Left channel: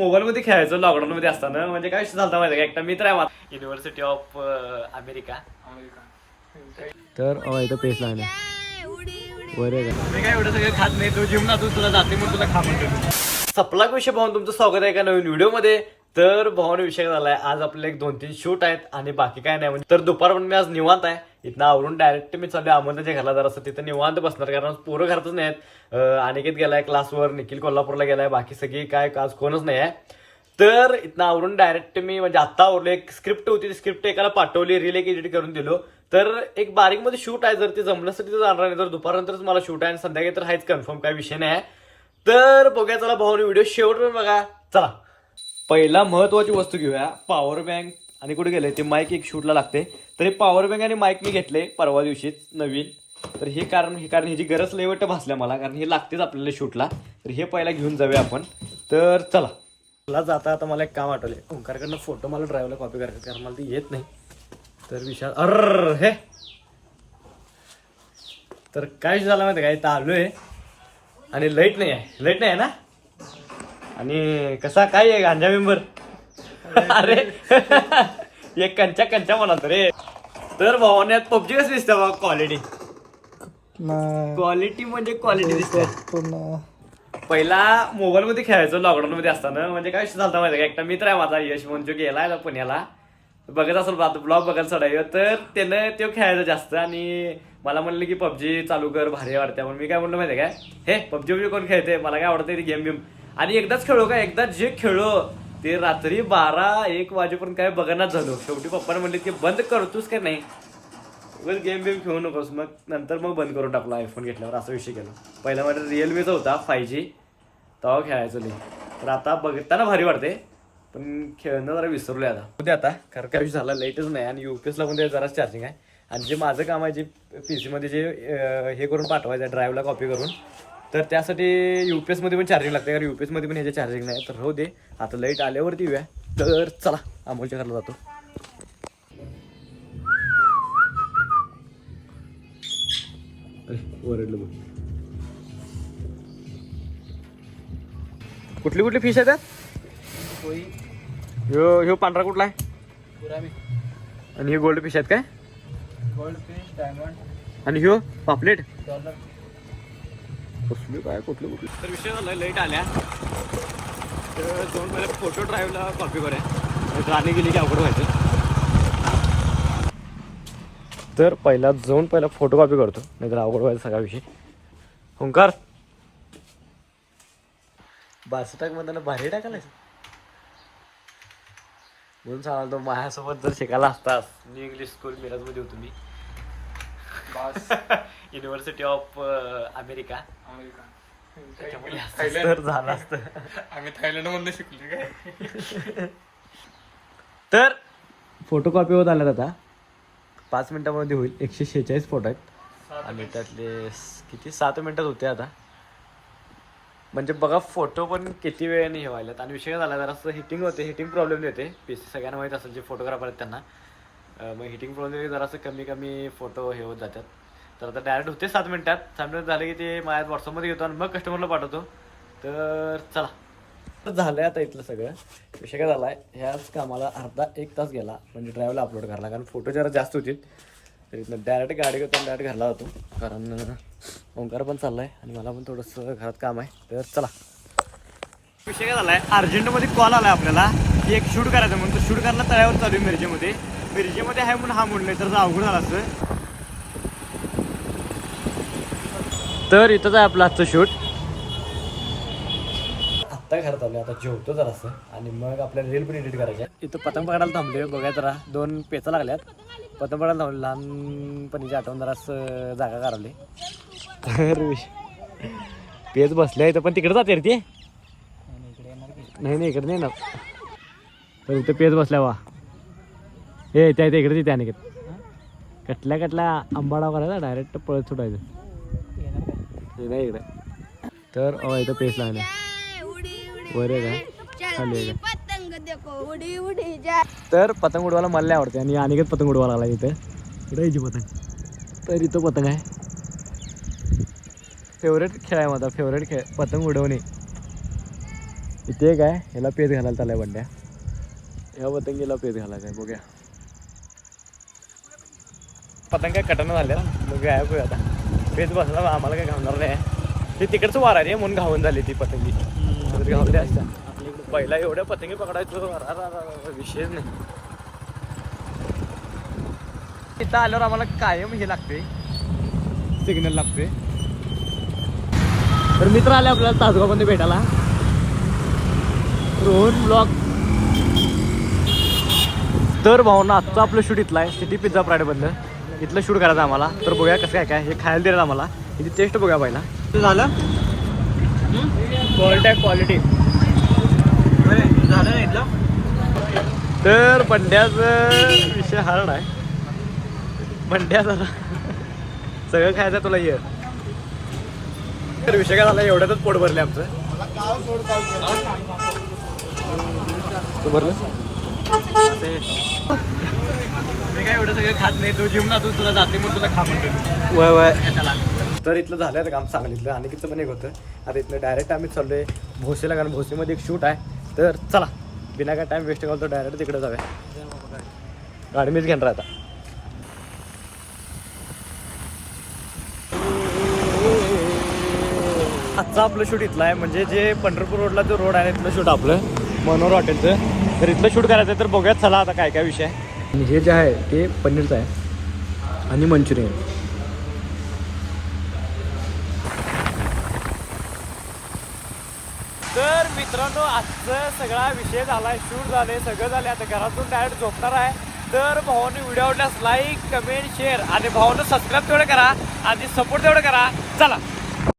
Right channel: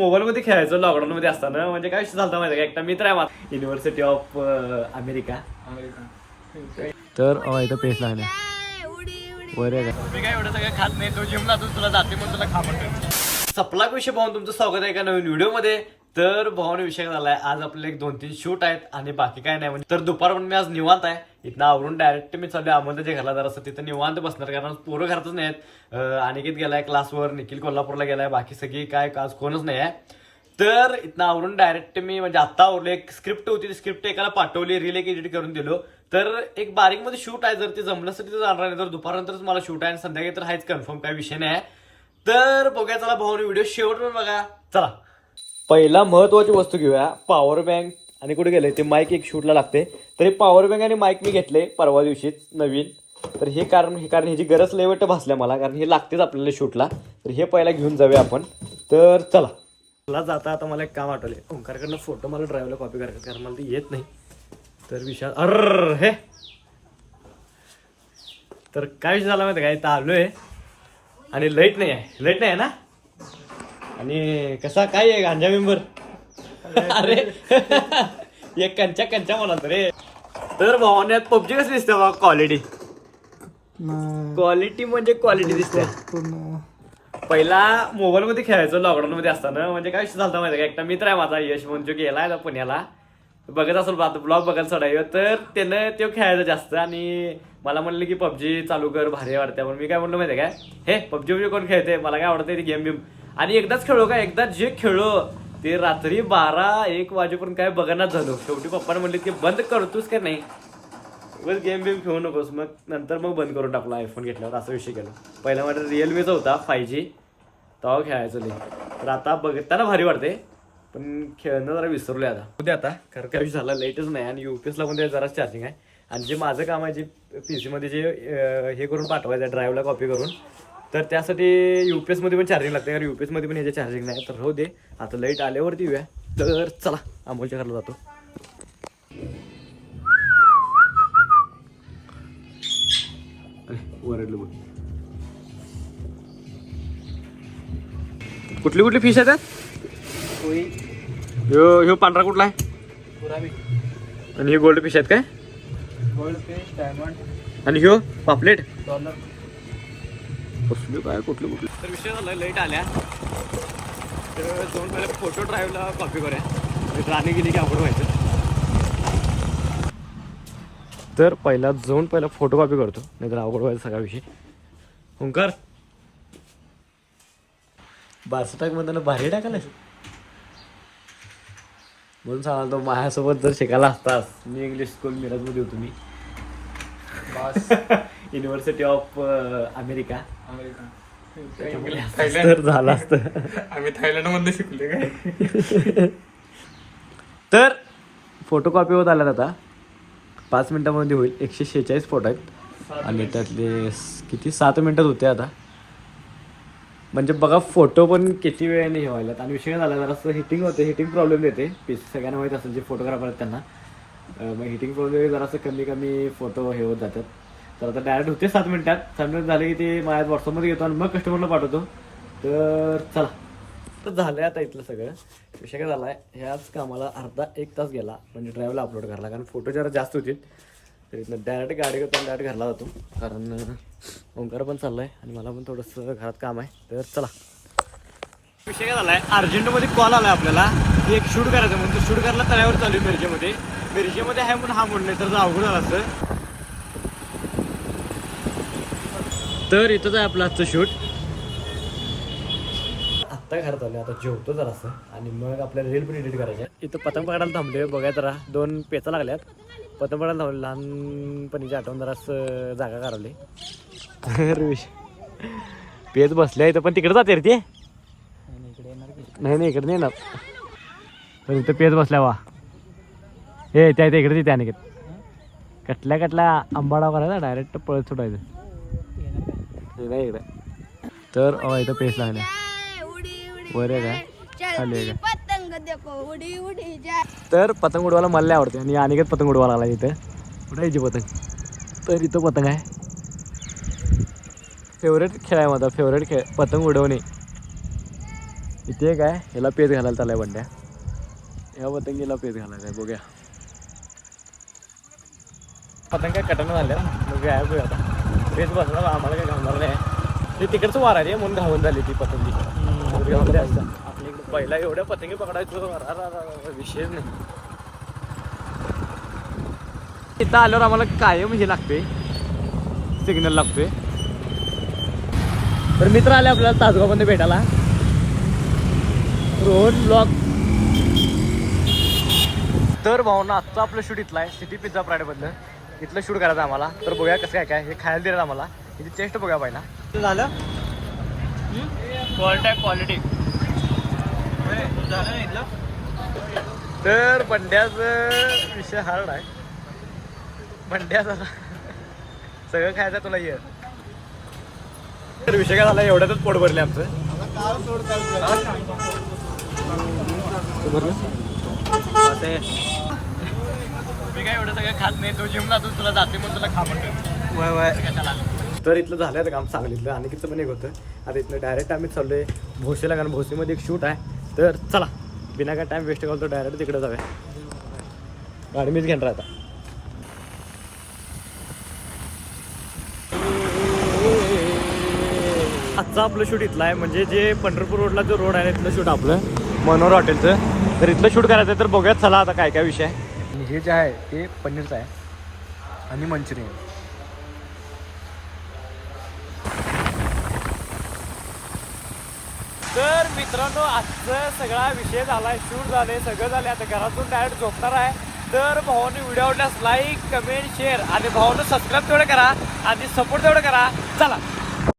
Mobile मध्ये खेळायचो lockdown मध्ये असताना. म्हणजे काय विषय झाला माहिती का? एकटा मित्र आहे माझा. युनिव्हर्सिटी ऑफ अमेरिका तर इथं पेस लागले. मी काय एवढं सगळं खात नाही. तू जिम तू तुला जाते म्हणून तुला खा म्हणतो सपला विषय भाऊन तुमचं स्वागत आहे का नवीन व्हिडिओमध्ये तर भाऊने विषय झालाय आज आपले एक दोन तीन शूट आहेत आणि बाकी काय नाही. म्हणजे तर दुपार म्हणून मी आज निवांत आहे. इथं आवरून डायरेक्ट मी चालू अमोलच्या घरला जर असं तिथं निवांत बसणार कारण पोरं घरातच नाही आहेत अनिकेत गेलाय क्लासवर निखिल कोल्हापूरला गेलाय बाकी सगळी काय आज कोणच नाही आहे तर इथनं आवरून डायरेक्ट मी म्हणजे आत्ता आवरलो एक स्क्रिप्ट होती ती स्क्रिप्ट एकाला पाठवली रील एक एडिट करून दिलो. तर एक बारीकमध्ये शूट आहे जर ते जमलं तर तिथं जाणार नाही तर दुपारनंतरच मला शूट आहे आणि संध्याकाळी तर हाच कन्फर्म काय विषय नाही आहे तर बघूया चला भाऊ व्हिडिओ शेवट बघा. चला. पहिला महत्वाची वस्तू घेऊया पॉवर बँक आणि कुठे गेले? ते माईक एक शूटला लागते. तर हे पॉवर बँक आणि माईक मी घेतले परवा दिवशीच नवीन. तर हे कारण हे कारण ह्याची गरज लेवट भासल्या मला कारण हे लागतेच आपल्याला शूटला तर हे पहिला घेऊन जाऊया आपण. तर चला. मला जाता आता मला एक काम आठवले ओंकारकडनं फोटो मला ड्रायव्हरला कॉपी करायचं कारण मला ते येत नाही. तर विशाल अर हे. तर काय विषय झाला माहिती काय इथं आलोय. आणि लाइट नाही आहे. लाइट नाही आहे ना? आणि कसा काय आहे गांजा मेंबर? अरे एक कंचा कंचा म्हणा रे तर भावाने पबजी कशी दिसते बा क्वालिटी क्वालिटी म्हणजे क्वालिटी दिसते पहिला मोबाईल मध्ये खेळायचो लॉकडाऊन मध्ये असताना. म्हणजे काय विषय झाला माहिती का? एकटा मित्र आहे माझा यश गेलाय आता पुण्याला. बघत असेल ब्लॉग बघायला चढाय तर त्यानं तो खेळायचा जास्त आणि मला म्हणलं की पबजी चालू कर भारी वाटते म्हणून मी काय म्हणलं माहिती काय हे पबजी पबजी कोण खेळते मला काय आवडते ती गेम बिम आणि एकदाच खेळलो का? एकदा जे खेळलो ते रात्री बारा एक वाजेपर्यंत काय बघण्यात झालो. शेवटी पप्पाने म्हणले की बंद करतोस का नाही? उगाच गेम बिम खेळू नकोस. मग नंतर मग बंद करून टाकला आयफोन घेतल्यावर असा विषय केला. पहिला माझा रिअलमीचा होता फाय जी तेव्हा खेळायचो लई. तर आता बघताना भारी वाटते पण खेळणं जरा विसरलोय आता. उद्या आता. कारण काय? झाला लाईटच नाही. आणि युपीएसला पण जरा चार्जिंग आहे. आणि जे माझं काम आहे जे पी सीमध्ये जे हे करून पाठवायचं आहे ड्राईव्हला कॉपी करून तर त्यासाठी UPS मध्ये पण चार्जिंग लागते कारण UPS मध्ये पण ह्याचे चार्जिंग नाही. तर राहू दे आता लाइट आल्यावरती येऊया. तर चला अमोलच्या घरला जातो. ओरडलं बघ. कुठली कुठली फिश आहेत ह्यो ह्यो पांढरा कुठला आहे? आणि हे गोल्ड फिश आहेत काय? आणि ह्यो पापलेट? कसले काय कुठले कुठले. तर विषय झाला लाइट आल्या. तर दोन पहिले फोटो ड्राईव्हला कॉपी करूया. नाहीतर आणि गेली की अवघड व्हायचं तर पहिला जाऊन पहिला फोटो कॉपी करतो. नाहीतर अवघड व्हायचा सगळा विषय. ओंकार? बासटाक मधून बाहेर टाकायला म्हणून सांगा तो माझ्यासोबत जर शिकायला असतास मी इंग्लिश स्कूल मिरजमध्ये होतो मी. युनिव्हर्सिटी ऑफ अमेरिका तर झालं असतं. आम्ही थायलंडमध्ये शिकले काय? तर फोटो कॉपी होत आल्यात आता. पाच मिनिटामध्ये होईल. एकशे शेहेचाळीस फोटो आहेत. आणि त्यातले किती? सात मिनिटात होते आता. म्हणजे बघा फोटो पण किती वेळाने हे व्हायला आणि विषय झाला जरा हिटिंग होते. हिटिंग प्रॉब्लेम येते पीस सगळ्यांना माहीत असेल जे फोटोग्राफर आहेत त्यांना. मग हिटिंग प्रॉब्लेम जरासं कमी कमी फोटो हे होत जातात. तर आता डायरेक्ट होते सात मिनिटात. सात मिनिट झाले की ते माझ्या व्हॉट्सअपमध्ये घेतो आणि मग कस्टमरला पाठवतो. तर चला. तर झालंय आता इथलं सगळं. विषय काय झालाय? ह्याच कामाला अर्धा एक तास गेला. म्हणजे ड्राईव्हला अपलोड करायला. कारण फोटो जरा जास्त होतील तर इथनं डायरेक्ट गाडी घेतो डायरेक्ट घरला जातो. कारण ओंकार पण चाललाय आणि मला पण थोडंसं घरात काम आहे. तर चला. विषय काय झालाय? अर्जंटमध्ये कॉल आलाय आपल्याला. की एक शूट करायचं म्हणून. तो शूट करायला तळ्यावर चालू आहे मिरजेमध्ये. मिरजेमध्ये आहे म्हणून हा म्हणलोय तर अवघड झाला असतं. तर इथंच आहे आपलं आजचं शूट. आत्ता घरात आलो आता जेवतो जरासं आणि मग आपल्याला रील पण एडिट करायच्या इथं पतंग पकडायला थांबले बघा जरा. दोन पेचा लागल्यात. पतंग पकडायला थांबले लहानपणीची आठवण जरासं जागा काढवली. तर पेच बसल्या इथं पण तिकडे जाते रे ते. नाही नाही इकडे नाही ना तर इथं पेच बसल्या वा हे त्या इकडे तिथे आणि कटल्या कटल्या आंबाडा करायचा डायरेक्ट पळत सुटायचं. इकडे इकडे. तर इथं पेच लागले. वर आहे तर पतंग उडवायला मला आवडते. आणि अनिकेत पतंग उडवायला लागला इथे. कुठे यायची पतंग? तर इथं पतंग आहे. फेवरेट खेळ आहे माझा. फेवरेट खेळ. पतंग उडवणे. इथे काय ह्याला पेज घालायला चाललाय बंड्या. या पतंगीला पेज घालायचा आहे. बघूया. पतंग काय कटणं झाले ना मग गायब आता. पेज बसला आम्हाला काय घालणार नाही. ते तिकडचं वारा रे म्हणून घावून झाली ती पतंगी. घावले असता पहिला एवढ्या पतंगी पकडायचं विषयच नाही. इथं आल्यावर आम्हाला कायम हे लागते सिग्नल लागतोय. तर मित्र आले आपल्याला तासगावमध्ये भेटायला. रोहन ब्लॉग तर भावना आजचं आपलं शूट इथलं आहे. सिटी पिझ्झा प्राईडमधलं इथलं शूट करायचं आम्हाला. तर बघूया कसं काय काय हे खायला दिलं आम्हाला. इथे टेस्ट बघूया पहिला. झालं? क्वालिटी क्वालिटी झालं इथलं? तर बंड्याचा विषय हार्ड आहे. बंड्या झाला सगळं खायचं तुला ये. तर विषय काय झाला? एवढ्यातच पोट भरले आमचं. तू भरलं? काय एवढं सगळं खात नाही तू तुला जाते म्हणून तुला खा म्हणतो वय वय. तर इथलं झालं आता काम सांगलीतलं. आणि किती पण एक होतं. आता इथलं डायरेक्ट आम्ही चाललोय भोसेला कारण भोसेमध्ये एक शूट आहे. तर चला बिना काय टाइम वेस्ट करतो डायरेक्ट तिकडे जाऊया. गाडी मीच घेणार आता. आजचं आपलं शूट इथलं आहे. म्हणजे जे पंढरपूर रोडला जो रोड आहे इथलं शूट आपलं. मनोहर हॉटेलचं तर इथलं शूट करायचं आहे तर बघूयात. चला आता काय काय विषय आणि हे जे आहे ते पनीरचं आहे. आणि मंचुरियन. तर मित्रांनो आजचा सगळा विषय झालाय शूट झाले सगळं झाले आता घरातून डायरेक्ट झोपणार आहे. तर भावाने व्हिडिओ आवडल्यास लाईक कमेंट शेअर आणि भावानं सबस्क्राईब तेवढं करा आणि सपोर्ट तेवढं करा. चला.